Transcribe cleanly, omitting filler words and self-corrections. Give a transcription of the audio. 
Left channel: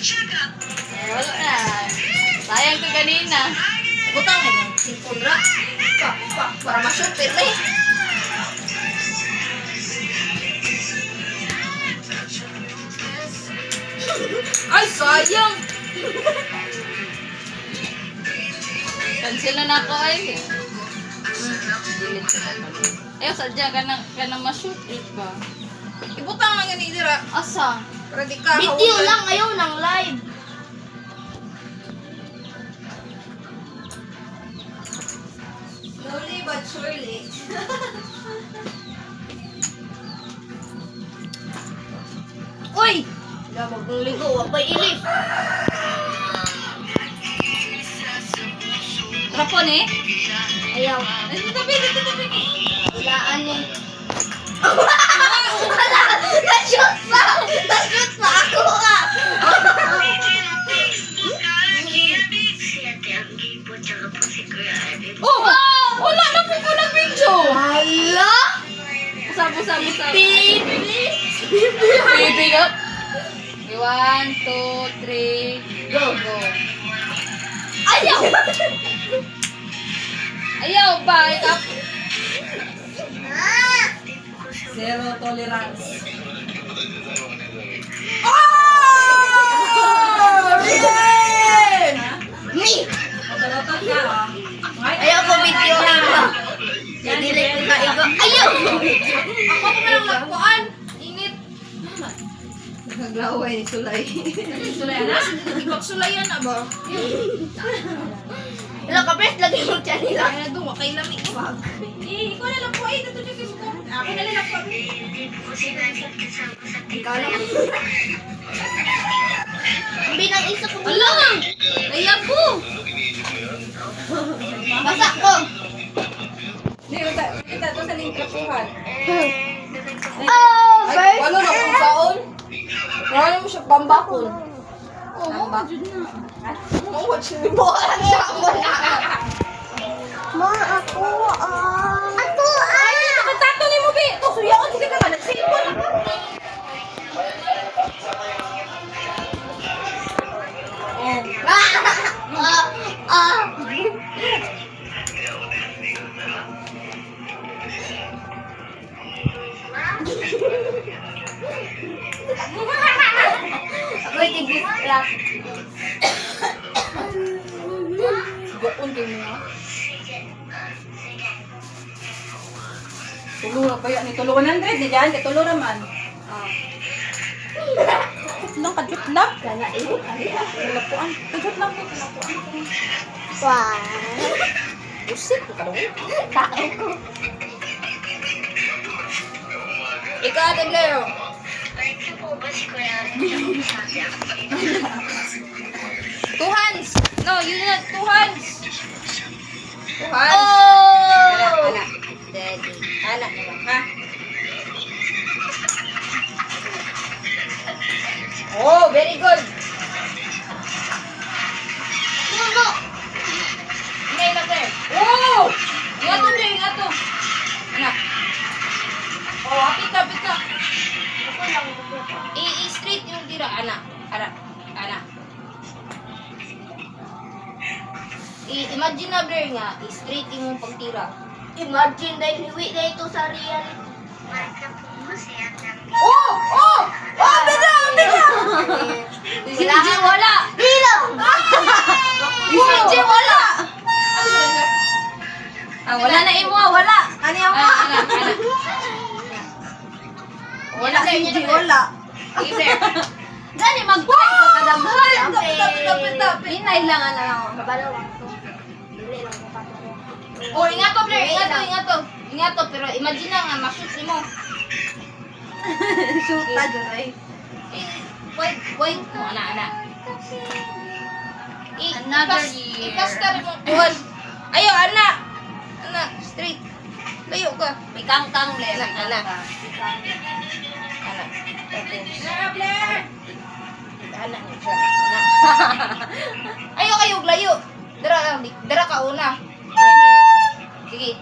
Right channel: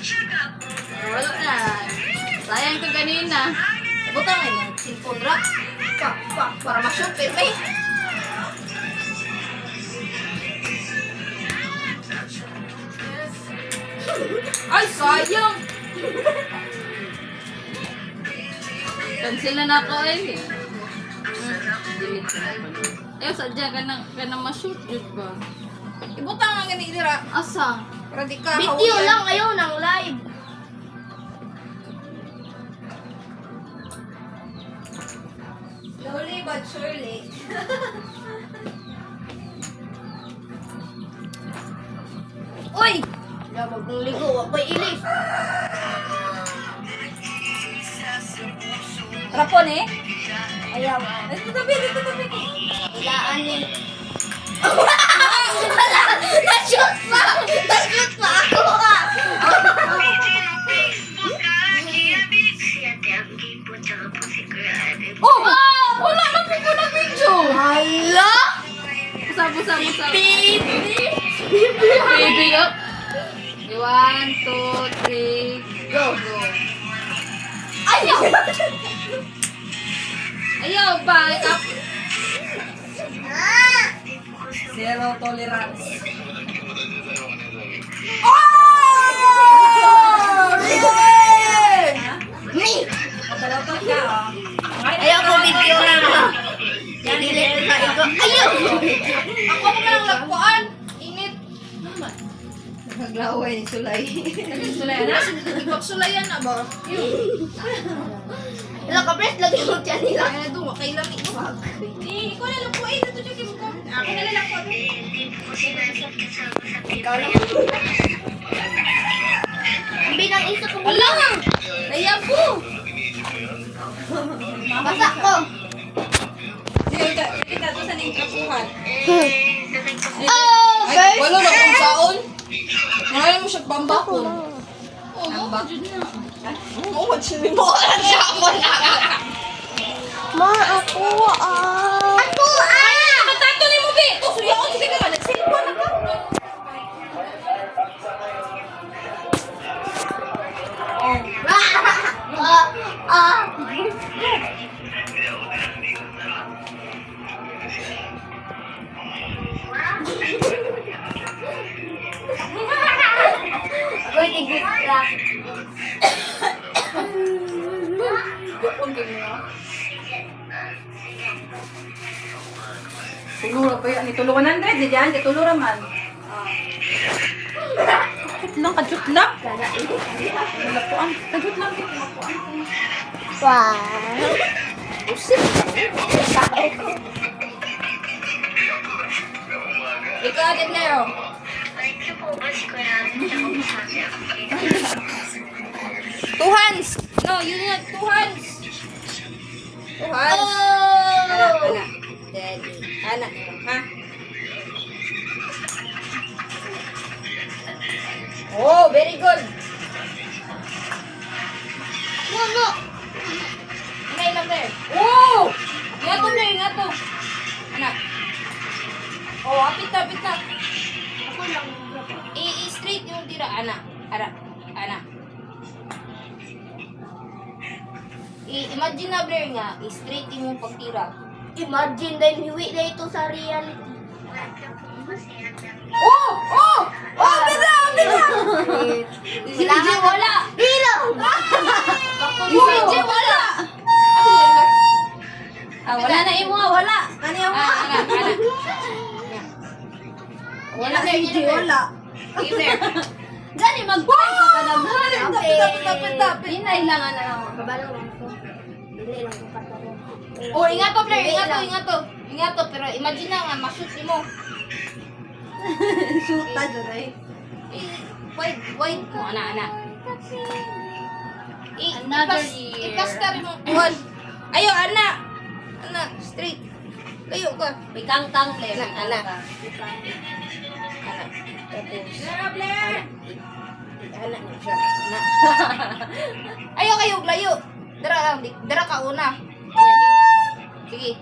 Wala na. Sayang to kanina. Butang eh. Simpundra. Para ma-shoot. Pero eh. Ay, sayang! Cancel na ako ay. Ayaw, sadya ka na ma-shoot yun ba? Ibutang nga ganit dira. Asa? Para di ka Video hawak. lang kayo ng live. Slowly but surely. Uy! Labag ng ligo, wapay ilif. Hapon eh? Ayaw. Tabi. Ilaan eh. Na-shoot pa! Na-shoot pa! Ako ah! Oh! Wala na po ko na video! Hala! Busa. Baby! Baby up! 1, 2, 3, go! Ayaw! Ayaw ba? Zero tolerance. Me! Matalotot ka, oh. Ayaw ko video lang na. Delete na igo. Ayaw! Ako ko na lang lagpuan. Init. Naglaway ni Sulay. Sulay na? Ipagsulayan na ba? Ilang ka press lagi mo dyan nila. Kaya na doon, wakay lamig ko. Ikaw na lang po ay. Natutugin ko. Ako na lang po. Ikaw lang. Ang binang isa ko. Ala! Ayaw ko! Basa ko. Kita to sa ning trapuhan. Oh, Ay, babe. wala na kung saon. Ngayon mo siya bambakon. Oo, jud na. Oo, watching mo ka siya ako na. Ma, ako ah. Ako ah. Katatuloy mo, be. O, suyaon, sige ka man. Sige po na ka. Wait, tigis lang. Gapon kayo niya. Tulura pa yan. Ito 100. Di dyan. Katulura man. Kadjut lang. Kaya ini. Lapuan. Kadjut lang. Wah. Usip. Sae ko. Ikaw, Ate Blair. Two hands. No, you not two hands. Two hands. Anak, Oh. anak. Daddy. Anak naman, ha? Oh, very good. No, no. Ngay na, Blair. Oh! Ingato, Blair, ingato. Anak. Oh, apit na, apit na. Ako lang. I-straight yung tira. Anak. Anak. Anak. Imagine na, Blair nga. I-straight yung pagtira. Imagine dahil hiwi na ito sa reality. Oh! Oh! Oh! Bida! Bida! Si DJ wala! Hilo! Si DJ wala! Ah, wala na imo, wala! Ano yung Anak. Wala si DJ, wala. Sige, Blair. Dali, mag-try ka kadamhan. Tapit. Hinay lang na lang. Kabalo lang ito. Dili lang ko kato. Oh, ingato, Blair. Ingato. Ingato, pero imagine na nga, ma-shoot mo. Shoot na dyan ay. Wait. Anak. Another year. Ikas ka rin mo. Buwan. Ayo, anak. Anak, straight. Layo ka. May kangkang, Blair. Anak. Tapos. Blair! Anak niya siya. Anak. Ayo kayo, layo. Dara ka una. Sige.